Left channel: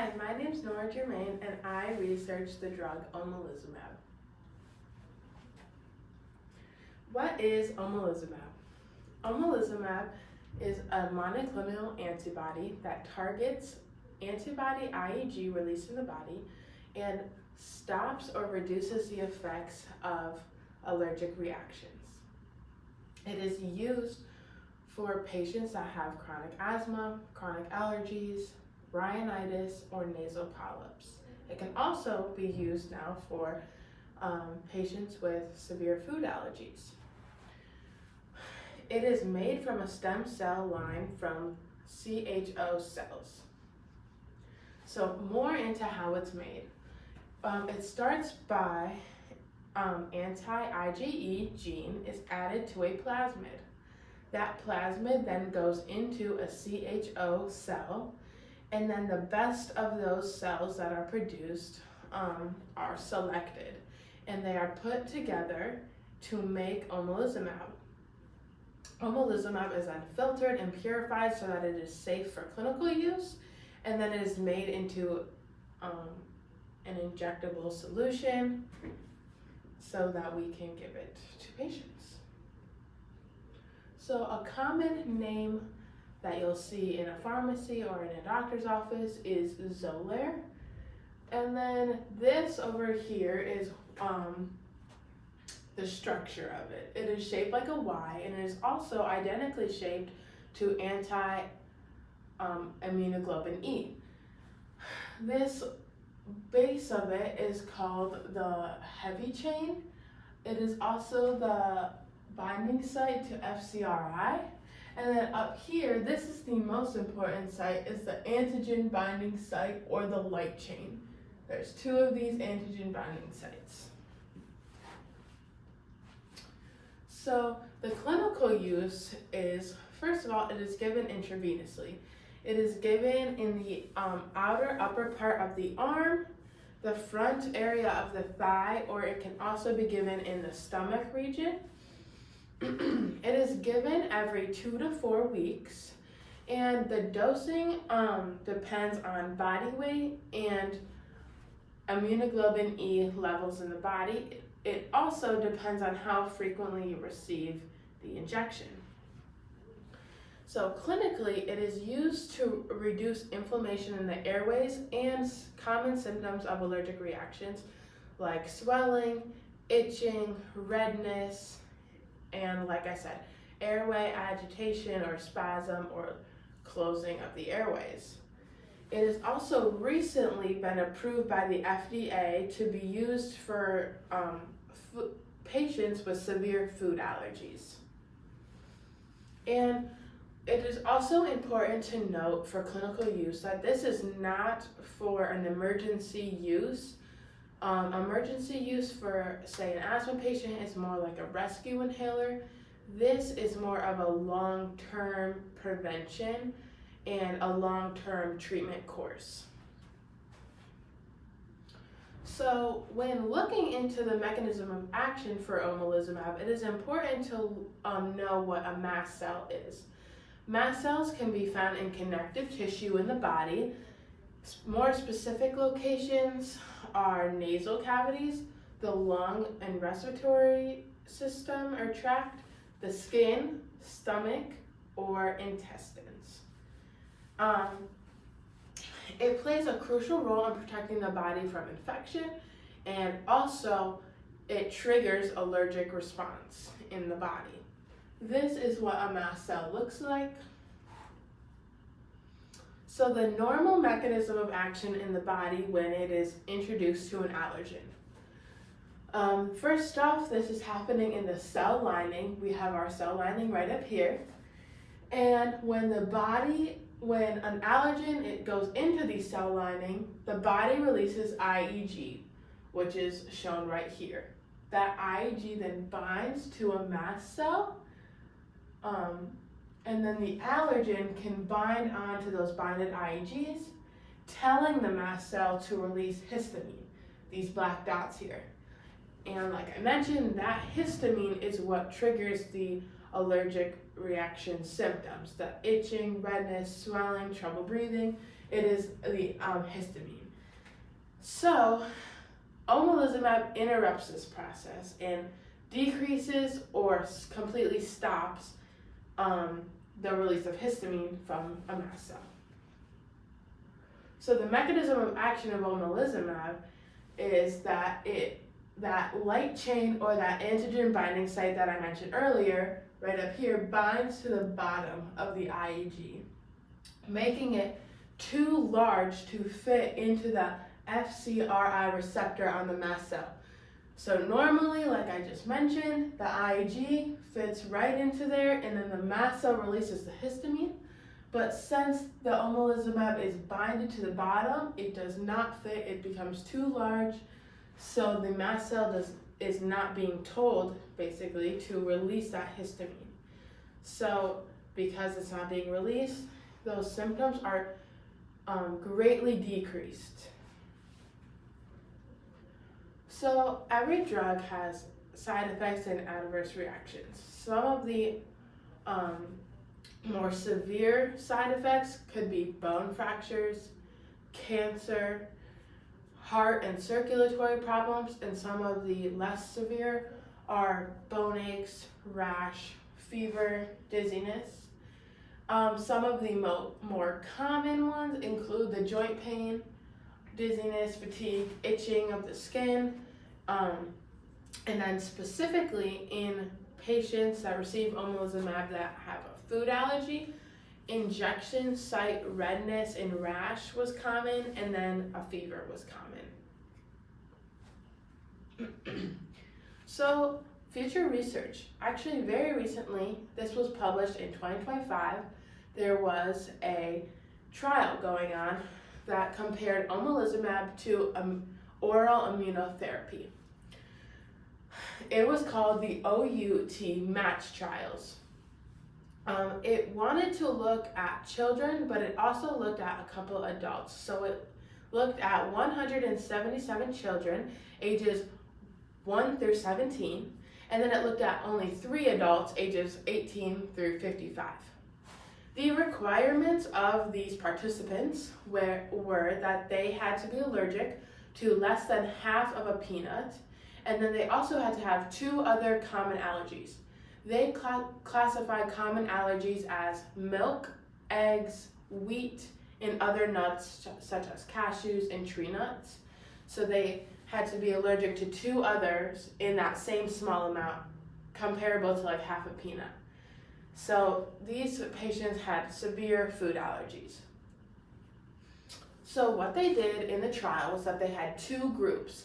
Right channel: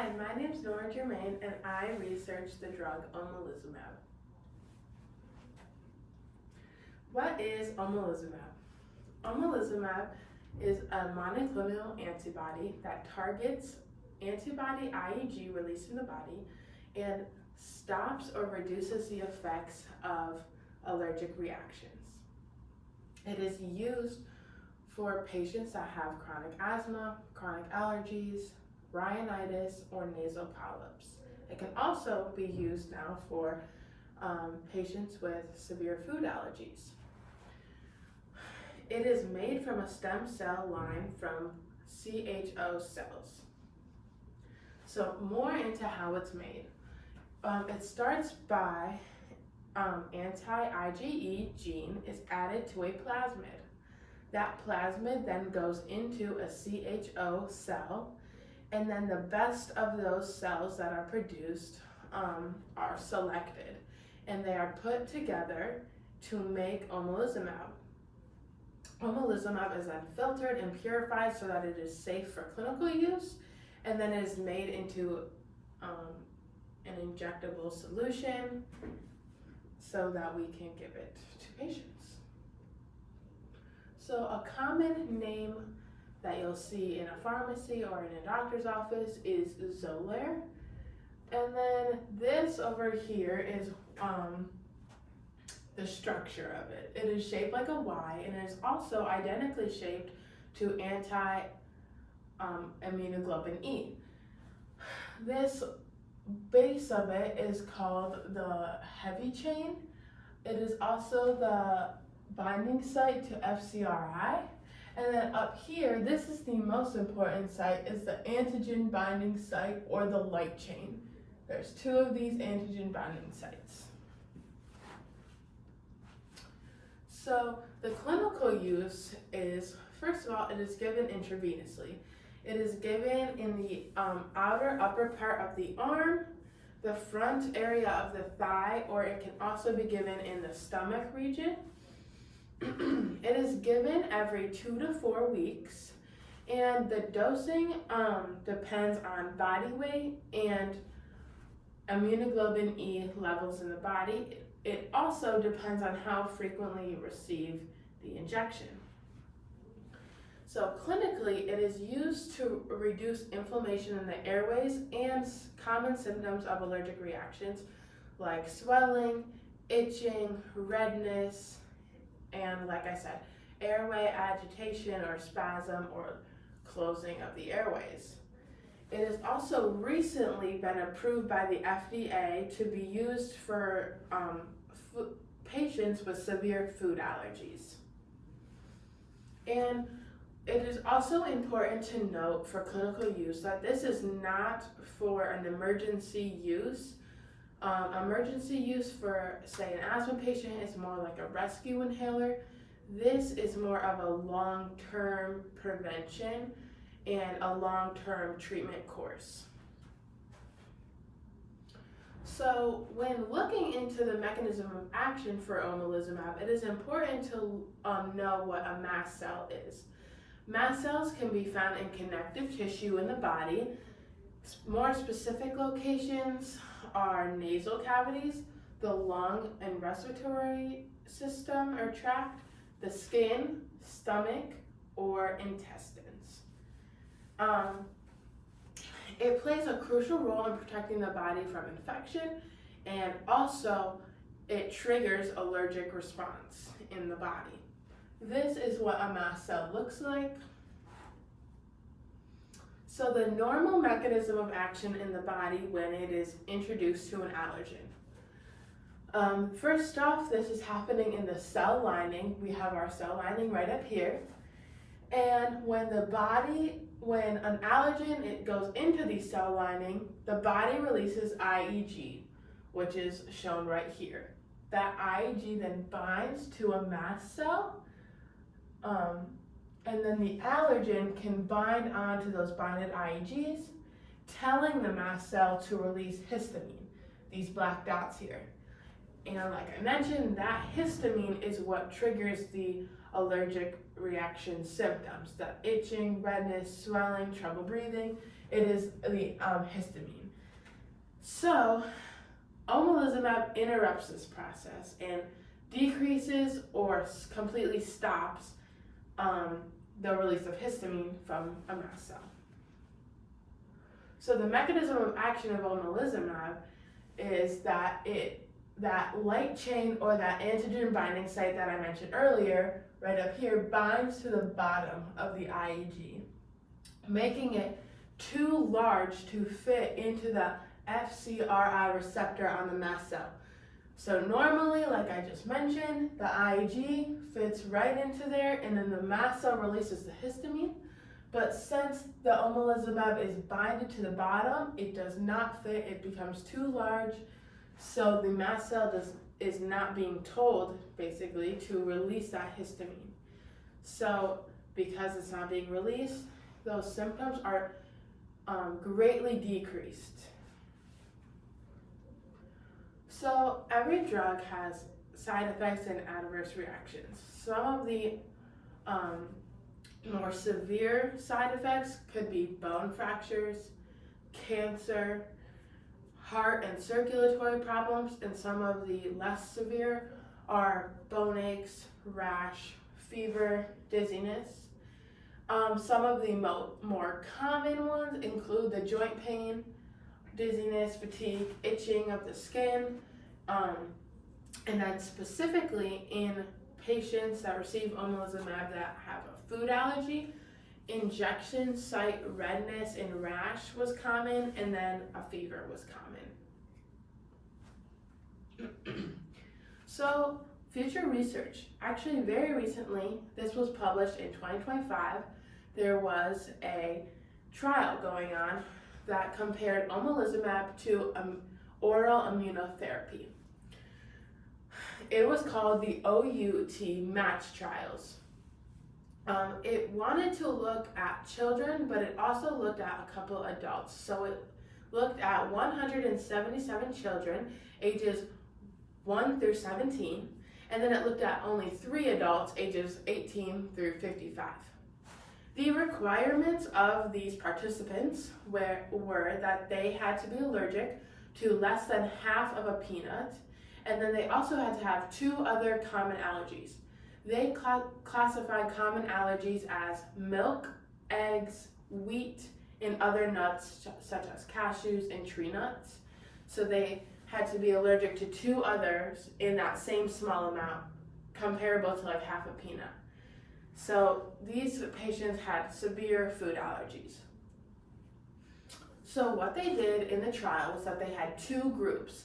Hi, my name is Nora Germain, and I researched the drug Omalizumab. What is Omalizumab? Omalizumab is a monoclonal antibody that targets antibody IgG released in the body and stops or reduces the effects of allergic reactions. It is used for patients that have chronic asthma, chronic allergies, rhinitis, or nasal polyps. It can also be used now for patients with severe food allergies. It is made from a stem cell line from CHO cells. So more into how it's made. It starts by anti-IgE gene is added to a plasmid. That plasmid then goes into a CHO cell, and then the best of those cells that are produced are selected, and they are put together to make omalizumab. Omalizumab is then filtered and purified so that it is safe for clinical use, and then it is made into an injectable solution so that we can give it to patients. So a common name that you'll see in a pharmacy or in a doctor's office is Xolair. And then this over here is the structure of it. It is shaped like a Y, and it is also identically shaped to anti-immunoglobulin E. This base of it is called the heavy chain. It is also the binding site to FcRI. And then up here, this is the most important site, is the antigen binding site or the light chain. There's two of these antigen binding sites. So the clinical use is, first of all, it is given intravenously. It is given in the outer upper part of the arm, the front area of the thigh, or it can also be given in the stomach region. It is given every 2 to 4 weeks, and the dosing depends on body weight and immunoglobulin E levels in the body. It also depends on how frequently you receive the injection. So clinically, it is used to reduce inflammation in the airways and common symptoms of allergic reactions like swelling, itching, redness, and like I said, airway agitation or spasm or closing of the airways. It has also recently been approved by the FDA to be used for patients with severe food allergies. And it is also important to note for clinical use that this is not for an emergency use. Emergency use for, say, an asthma patient is more like a rescue inhaler. This is more of a long-term prevention and a long-term treatment course. So when looking into the mechanism of action for omalizumab, it is important to know what a mast cell is. Mast cells can be found in connective tissue in the body. More specific locations are nasal cavities, the lung and respiratory system or tract, the skin, stomach, or intestines. It plays a crucial role in protecting the body from infection, and also it triggers allergic response in the body. This is what a mast cell looks like. So the normal mechanism of action in the body when it is introduced to an allergen. First off, this is happening in the cell lining. We have our cell lining right up here. And when an allergen it goes into the cell lining, the body releases IgG, which is shown right here. That IgG then binds to a mast cell, and then the allergen can bind onto those binded IgGs, telling the mast cell to release histamine, these black dots here. And like I mentioned, that histamine is what triggers the allergic reaction symptoms, the itching, redness, swelling, trouble breathing, it is the histamine. So, omalizumab interrupts this process and decreases or completely stops the release of histamine from a mast cell. So the mechanism of action of omalizumab is that that light chain or that antigen binding site that I mentioned earlier, right up here, binds to the bottom of the IgG, making it too large to fit into the FcRI receptor on the mast cell. So normally, like I just mentioned, the IgG fits right into there and then the mast cell releases the histamine. But since the omalizumab is binded to the bottom, it does not fit, it becomes too large. So the mast cell is not being told, basically, to release that histamine. So because it's not being released, those symptoms are greatly decreased. So every drug has side effects and adverse reactions. Some of the more severe side effects could be bone fractures, cancer, heart and circulatory problems, and some of the less severe are bone aches, rash, fever, dizziness. Some of the more common ones include the joint pain, dizziness, fatigue, itching of the skin, and then specifically in patients that receive omalizumab that have a food allergy, injection site redness and rash was common, and then a fever was common. So future research, actually very recently, this was published in 2025, there was a trial going on that compared omalizumab to oral immunotherapy. It was called the OUT match trials. It wanted to look at children, but it also looked at a couple adults. So it looked at 177 children, ages 1 through 17, and then it looked at only 3 adults, ages 18 through 55. The requirements of these participants were that they had to be allergic to less than half of a peanut, and then they also had to have 2 other common allergies. They classified common allergies as milk, eggs, wheat, and other nuts such as cashews and tree nuts. So they had to be allergic to 2 others in that same small amount, comparable to like half a peanut. So these patients had severe food allergies. So what they did in the trial was that they had 2 groups.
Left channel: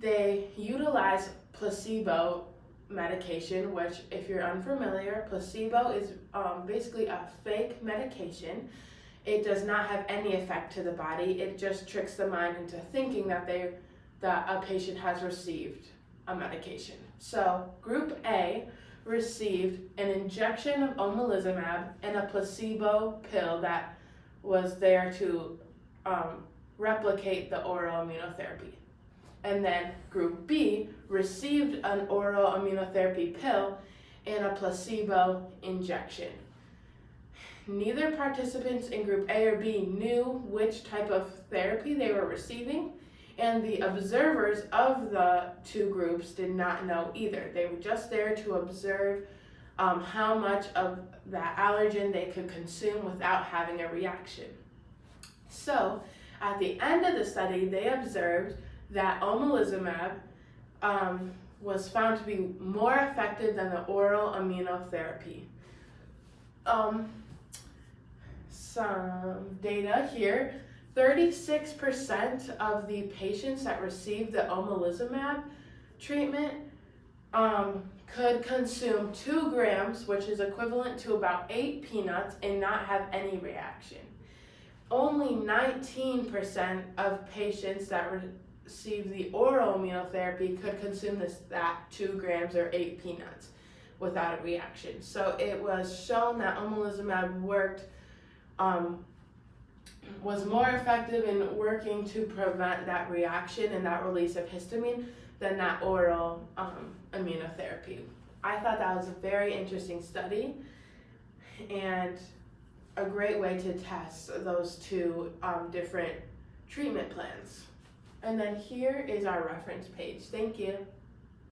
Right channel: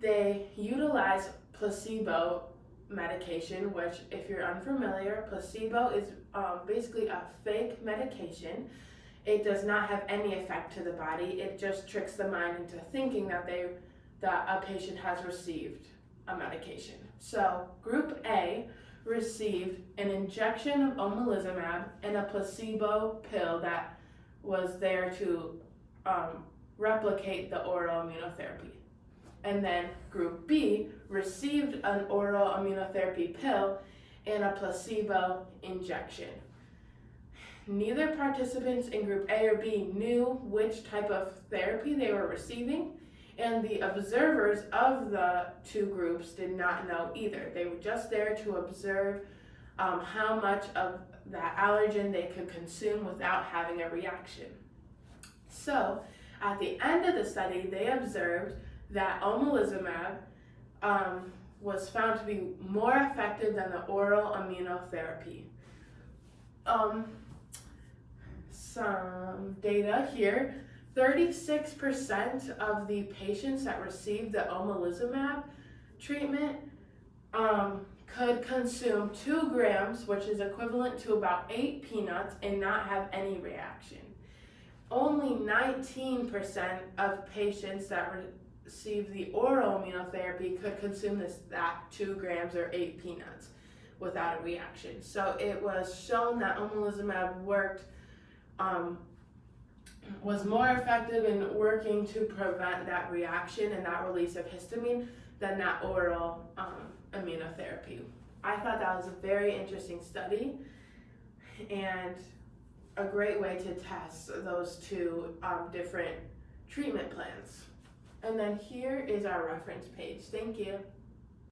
They utilized placebo medication, which if you're unfamiliar, placebo is basically a fake medication. It does not have any effect to the body. It just tricks the mind into thinking that a patient has received a medication. So group A received an injection of omalizumab and a placebo pill that was there to replicate the oral immunotherapy. And then group B received an oral immunotherapy pill and a placebo injection. Neither participants in group A or B knew which type of therapy they were receiving, and the observers of the 2 groups did not know either. They were just there to observe how much of that allergen they could consume without having a reaction. So at the end of the study, they observed that omalizumab was found to be more effective than the oral immunotherapy. Some data here. 36% of the patients that received the omalizumab treatment could consume 2 grams, which is equivalent to about 8 peanuts, and not have any reaction. Only 19% of patients that received the oral immunotherapy could consume that 2 grams or 8 peanuts without a reaction. So it was shown that omalizumab was more effective in working to prevent that reaction and that release of histamine than that oral immunotherapy. I thought that was a very interesting study, and a great way to test those two different treatment plans. And then here is our reference page. Thank you.